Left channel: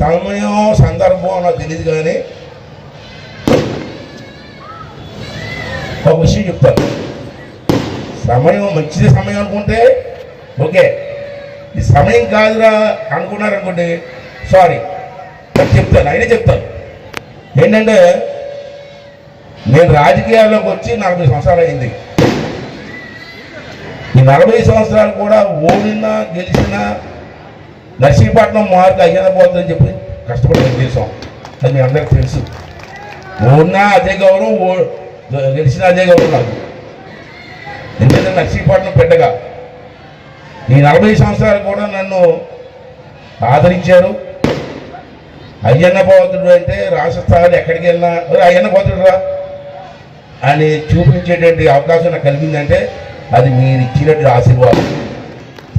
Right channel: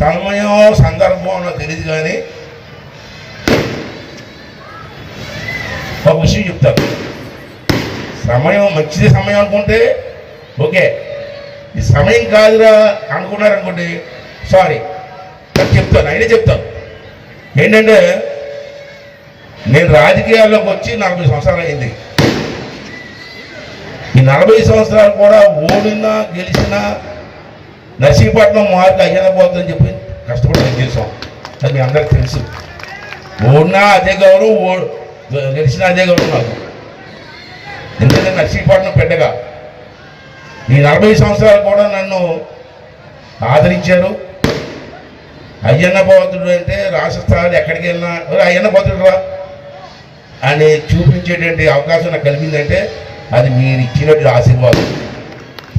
సమయం సందర్భం నాకు తెలియదు, కానీ ఒక విషయం చెప్తాను. సమయం మంచిది సమయం అనుకుంటే ఓకే, ఈ సమయం కాదురా అనుకున్నారనుకోండి సారీ, నాకు చెప్తాను, అయినా చెప్తాను. ఏంటంటే నేను రాజకీయాల్లోకి వచ్చి 40 సంవత్సరాలు అయింది. ఈ 40 సంవత్సరాలు కూడా ఓడినా గెలిచినా నర్సీపట్నం మార్పు అయ్యేలా పోతుందని చెప్పి కష్టపడి గెలిచాం. అది మీ అందరికి తెలుసు. ఓడినా అదే గౌరవం, గెలిచినా అదే గౌరవం నాకు. ఎందుకంటే నర్సీపట్నం పెట్టగా ఈ 40 సంవత్సరాలు కూడా నన్ను ఆదరించారు. అయ్యన్న పోతుడు అంటే రాష్ట్ర స్థాయిలో ఎక్కడికి వెళ్ళినా అయ్యన్న పోతుడు రా అని చూపించేటువంటి అవకాశం నాకు కలిగిందంటే అది మీరు ఇచ్చినట్టు ఆశీర్వాదం.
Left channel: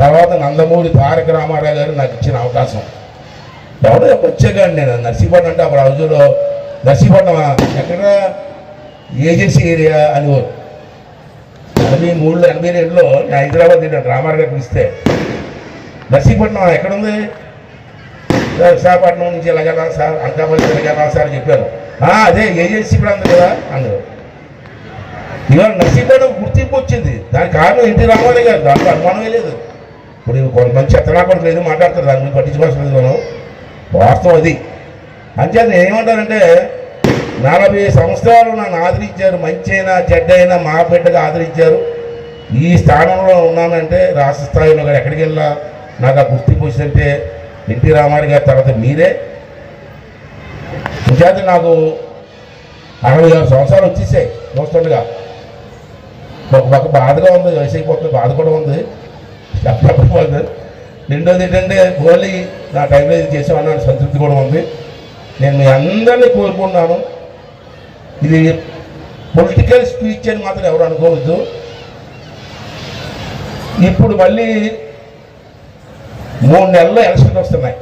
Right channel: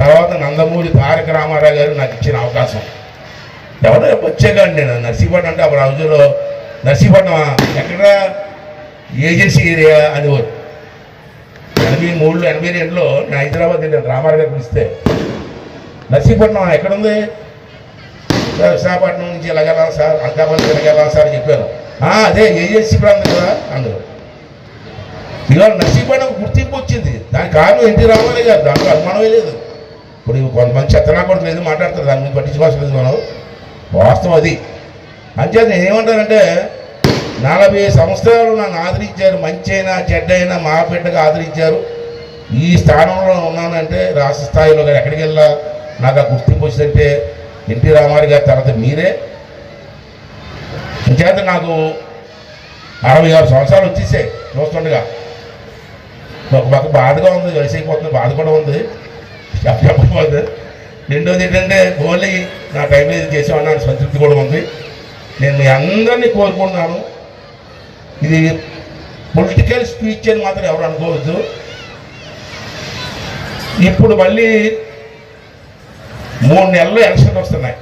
తర్వాత నందమూరి తారక రామారావు గారు నాకు ఇచ్చిన అవకాశం. ఎవరో వచ్చేగాని నేను నర్సీపట్నం అంటే అప్పుడు రోజుల్లో నర్సీపట్నం ఎక్కడ ఏజెన్సీ ఏరియా అనేవారు. 83లో 82లో నేను హైదరాబాద్ నేను రామారావు గారు పిలిస్తే నర్సీపట్నం ఎక్కడుంది సార్, విశాఖపట్నం నుంచి ఎలాగెలా సార్, అనకాపల్లి ఎలాగెలా సార్ చెప్పారు. అదే ఏజెన్సీ ప్రాంతం కదా అందరూ. ఇవాళ నర్సీపట్నం గుర్తింపు వచ్చింది. దానికి కారణం ఎన్టీ రామారావు గారు, దాంట్లో అనుమానమే లేదు. ఇప్పుడు కొంతమంది చెత్తనాపడలేదు లేదు మాట్లాడతారు, దాని గురించి పట్టించుకోవాల్సింది మనం. వాస్తవం అది. అంచేత నేను ఏమంటానంటే 40 సంవత్సరాలు నన్ను ఆదరించారు. మంచి అయినా చెడ్డైనా మా బిడ్డగా ఆదరించారు. ఈ స్థానంలో ఉన్నానంటే రాష్ట్ర స్థాయిలో కానీ ఎక్కడికి వెళ్ళా నాకు ఆ గుర్తింపు వచ్చిందంటే ఎన్టీ రామారావు గారి తర్వాత మీరే. ఇంచేత నాకు 66 సంవత్సరాలు వచ్చేసాయి చూస్తుండగా. ఒక పక్క బాధగా ఉంది, కలిసిపోతుంది, బాధ కూడా ఉంది, చెప్పకపోతే. రెండోది ఏంటంటే ఓన్లీ నా టైంలో ఇది చేసేవాడిని సంతృప్తి కూడా ఉంది. నేను మీ అందరినీ కోరుకుంటున్నాను. ఇది పొలిటికల్ స్పీచ్ అని మాత్రం ఎవరు అనుకోవద్దు. ఇప్పుడు మళ్ళీ 3 నెలల్లో ఎలక్షన్కి వస్తున్నాయి.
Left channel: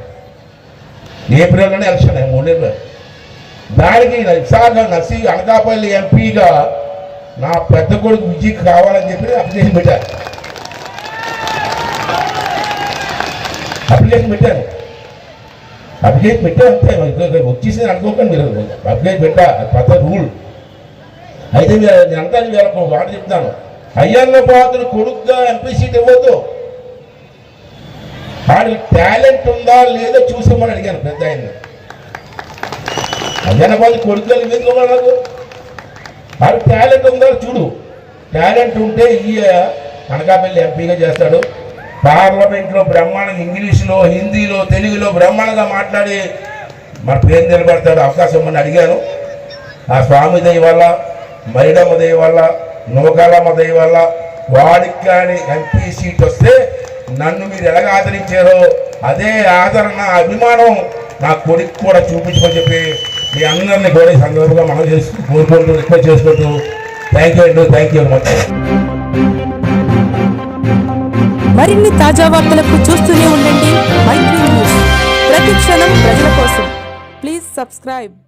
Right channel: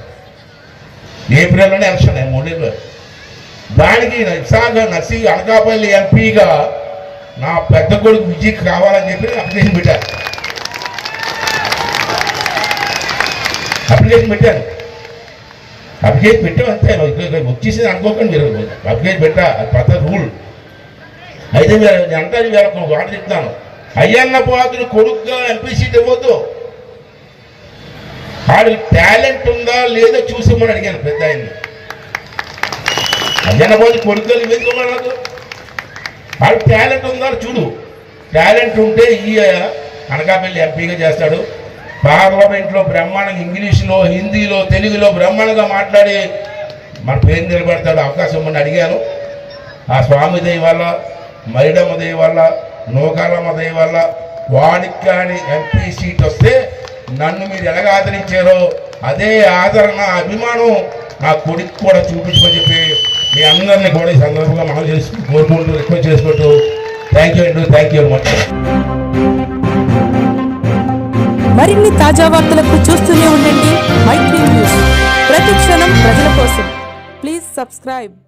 ఏప్రిల్లోనే ఎలక్షన్ 3 నెలలు. దానికి విశాఖ అనకాపల్లి ఎంపీగా నా పెద్ద కొడుకు విజయ్ కావాలని చెప్పి అప్లికేషన్ పెట్టాను. అప్లికేషన్ పెట్టాను అంతే. వచ్చేసింది అనుకోకండి మీరు. అప్లికేషన్ పెట్టా, అది పెద్ద రూల్. అయితే నేను అంతా వీళ్ళకు మాట చెప్తాను. అయ్యన్న పాత్ర కొడుకుగా ఎంపీ సీట్ ఇవ్వద్దు. వాడి టాలెంట్ ఉందా లేదో చూసిమని అడిగాను పెద్ద ఆయన్ని. అయ్యన్న పాత్ర కొడుకుగా ఎందుకు వాడు టాలెంట్ ఉందా చూడు. టాలెంట్ ఉంటే ఈ అనకాపల్లి ఎంపీగా చేస్తాడు. పార్లమెంట్లో బ్రహ్మాండంగా ఇంగ్లీష్లో, హిందీలో, తెలుగులో బ్రహ్మాండంగా మాట్లాడి మన పేరు నిలబెడతాడు. అవకాశం ఇమ్మని అడిగాను. ఆ స్వామి దయ వల్ల, మైడమ్మ దయ వల్ల, నూకాలమ్మ దయ వల్ల వాడికి కానీ ఎంపీ సీట్ వస్తే నన్ను మీరు ఎలాగ ఆదరించారో అదే ఆదరణ, అభిమానం నా కొడుకు కూడా చూపించమని చెప్పి మీ అందరినీ కూడా ఈ సందర్భంగా మనం కోరుకుంటూ రిక్వెస్ట్ చేసుకుంటూ థ్యాంక్ యూ మచ్. మరిన్ని తాజా వార్తలకు చూస్తూనే ఉండండి మైత్రి న్యూస్. ప్రతి క్షణం ప్రజల కోసం. Please subscribe.